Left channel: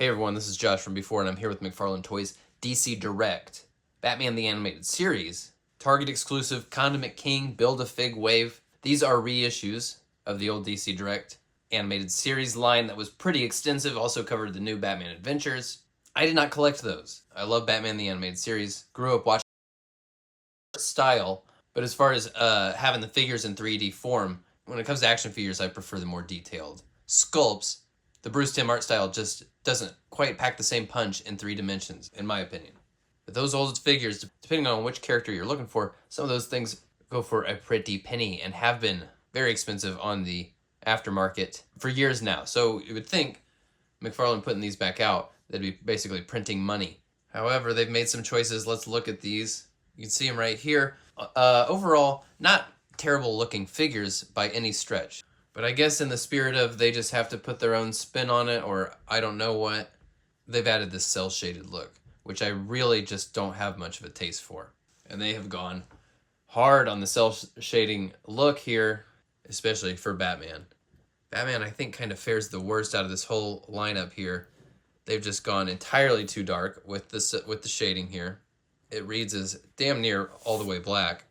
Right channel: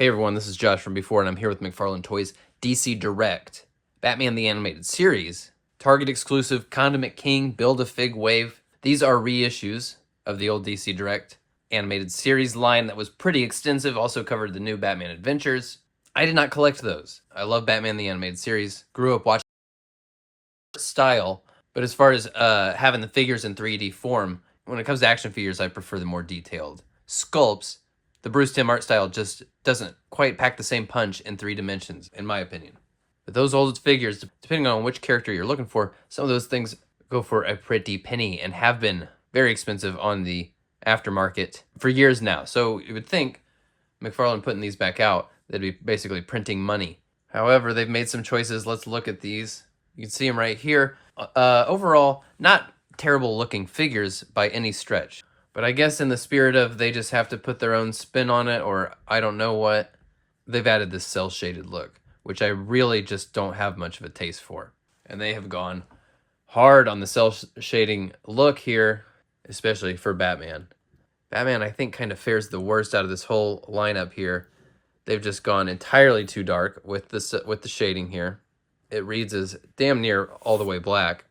Hey everyone, this is Josh from Before, and I'm here with McFarlane Toys DC Direct, Batman the Animated Series, Target exclusive Condiment King Build-A-Fig Wave. These are reissues of the old DC Direct animated series line that was pretty extensive, also covered the new Batman Adventures. I did not collect those. I love Batman the Animated Series, grew up watching style, but as far as having the figures in 3D form, when it comes to action figures, I prefer the more detailed sculpts. The Bruce Timm art style just doesn't quite pack the same punch in 3 dimensions, in my opinion. But those old figures, depending on which character you're looking for, some of those things go for a pretty penny and have been very expensive on the aftermarket for years now. So you would think McFarlane putting these back out, they'd be basically printing money. However, they've made some choices. Let's look at these. You can see them right here. Overall, not terrible looking figures by any stretch. But I guess in the spirit of they just have to put their own spin on it, or I don't know what, they've added this cel-shaded look, which I really just don't have much of a taste for. And they have gone hard on the cel-shading look here, especially for Batman. Batman, I think, kind of fares the worst out of this whole lineup here. They've just gone entirely too dark with the shading here. It reads as damn near all the way black,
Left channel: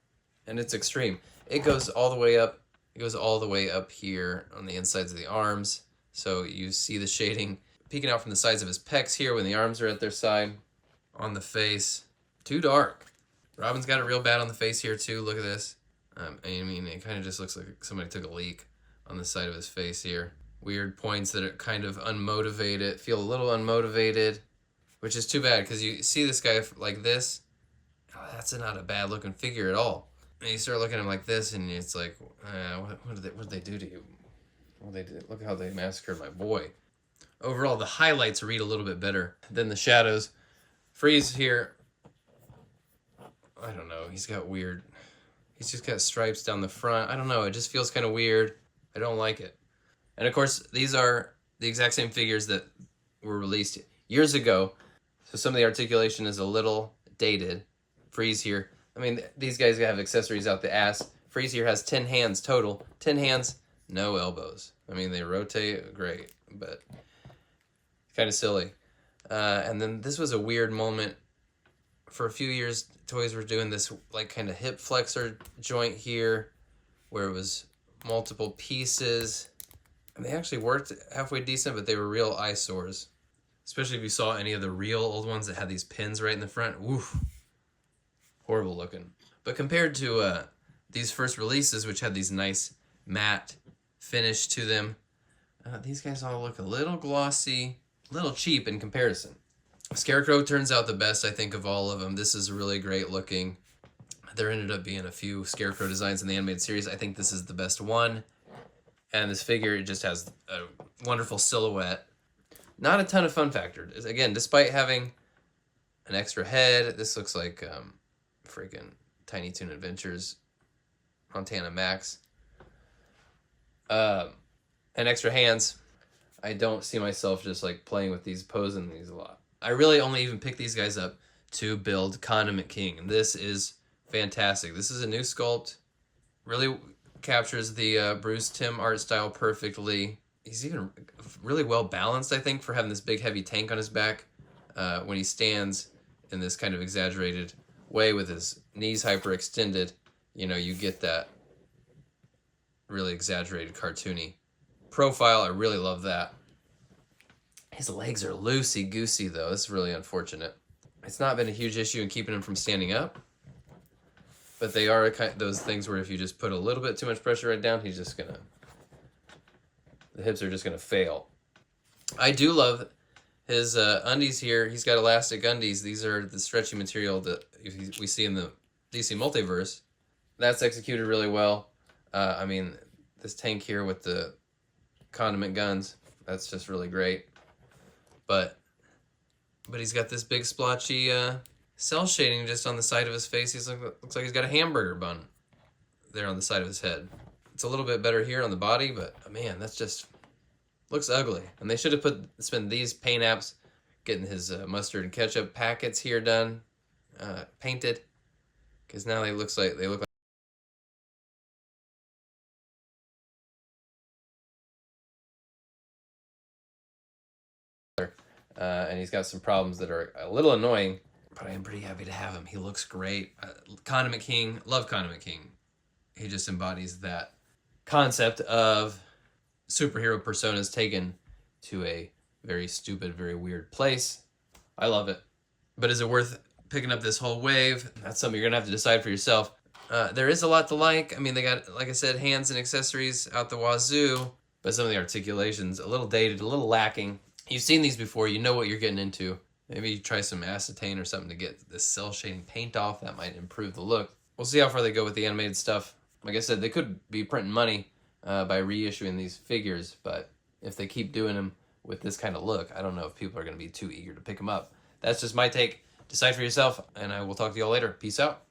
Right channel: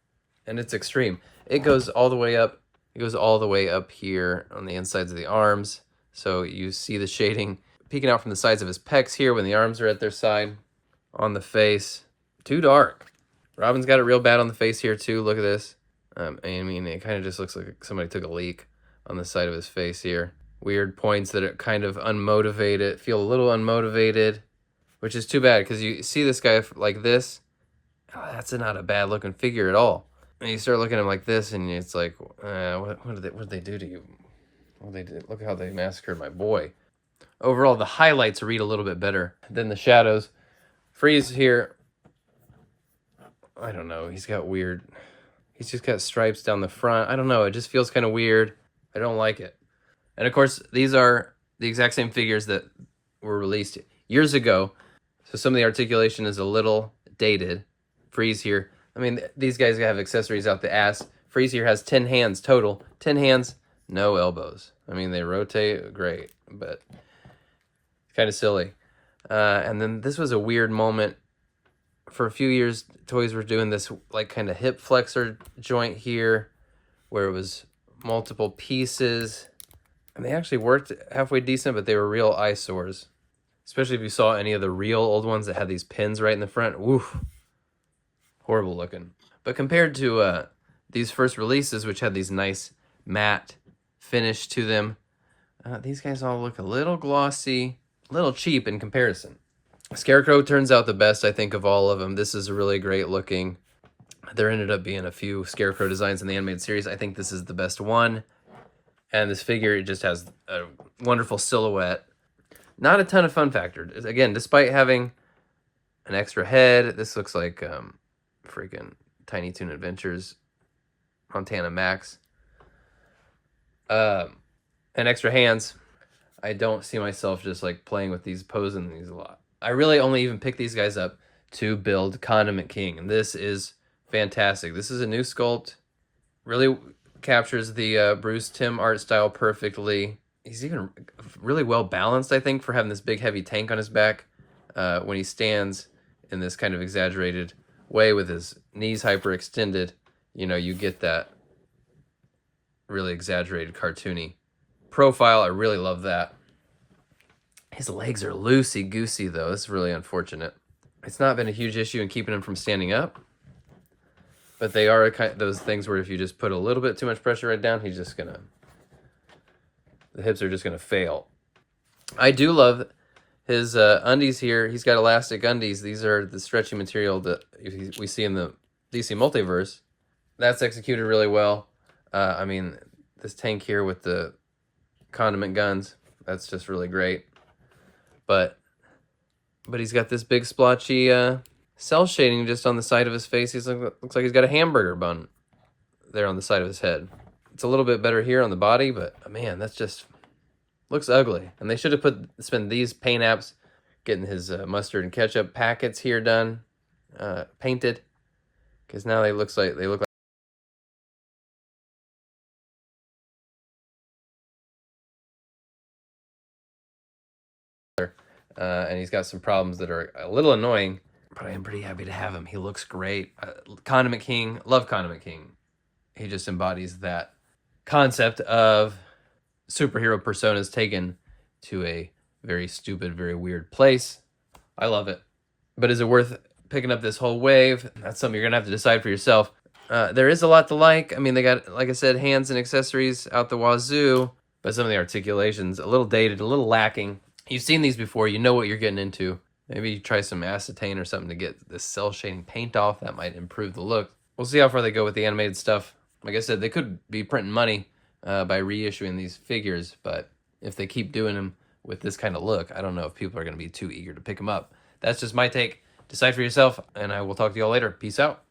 and it's extreme. It goes all the way up. It goes all the way up here on the insides of the arms. So you see the shading peeking out from the sides of his pecs here when the arms are at their side. On the face, too dark. Robin's got it real bad on the face here too. Look at this. I mean, it kind of just looks like somebody took a leak on the side of his face here. Weird points that are kind of unmotivated, feel a little unmotivated, which is too bad because you see this guy like this. Oh, that's not a bad looking figure at all. And you start looking at him like this, and it's like, what did they do to you? What did they do? Look how they massacred my boy. Overall, the highlights read a little bit better than the shadows. Freeze here. I don't know. He's got weird. He's just got stripes down the front. I don't know. It just feels kind of weird. I don't like it. And of course, these are the exact same figures that were released years ago. So some of the articulation is a little dated. Freeze here. I mean, these guys have accessories out the ass. Freeze here has 10 hands total. 10 hands, no elbows. I mean, they rotate, great, but it's kind of silly. And then this was a weird moment. For a few years, toys were doing this like kind of hip flexor joint here, where it was multiple pieces. And they actually worked halfway decent, but they were real eyesores. Especially if you saw any of the real old ones that had these pins right in the front. Woof. Horrible looking. But compared to these first releases, which had these nice matte finish to them, these guys all look a little glossy, a little cheap in comparison. Scarecrow turns out the best, I think, of all of them. This is really great looking. There ended up being a few Scarecrow designs in the animated series. I think this is the best one. And this figure, it just has a wonderful silhouette. Not a ton of fun factor. Again, despite having an extra head, this looks like freaking Tiny Toon Adventures, Montana Max. And extra hands. I don't see myself just like playing with these, posing these a lot. I really only even pick these guys up to build Condiment King, and this is fantastic. This is a new sculpt. Really captures the Bruce Timm art style perfectly. He's even really well balanced, I think, for having this big heavy tank on his back. When he stands in this kind of exaggerated way with his knees hyperextended, you know, you get that really exaggerated cartoony profile. I really love that. His legs are loosey-goosey, though. This is really unfortunate. It's not been a huge issue in keeping him from standing up, but they are those things where if you just put a little bit too much pressure right down, he's just gonna, the hips are just gonna fail. I do love his undies here. He's got elastic undies. These are the stretchy material that we see in the DC Multiverse. That's executed really well. I mean, this tank here with the condiment guns, that's just really great. But he's got this big splotchy cell shading just on the side of his face. Looks like he's got a hamburger bun there on the side of his head. It's a little bit better here on the body, but man, that's just looks ugly. And they should have spent these paint apps getting his mustard and ketchup packets here done, painted, because now they look like and he's got some problems that are a little annoying, but I am pretty happy to have him. He looks great. Condiment King, love Condiment King. He just embodies that concept of superhero personas taken to a very stupid, very weird place. I love it. But is it worth picking up this whole wave? That's something you're going to have to decide for yourself. There is a lot to like. I mean, they got, like I said, hands and accessories out the wazoo, but some of the articulations, a little dated, a little lacking. You've seen these before. You know what you're getting into. Maybe you try some acetane or something to get this cell shading paint off. That might improve the look. We'll see how far they go with the animated stuff. Like I said, they could be printing money by reissuing these figures, but if they keep doing them with this kind of look, I don't know if people are going to be too eager to pick them up. That's just my take. Decide for yourself, and I will talk to y'all later. Peace out.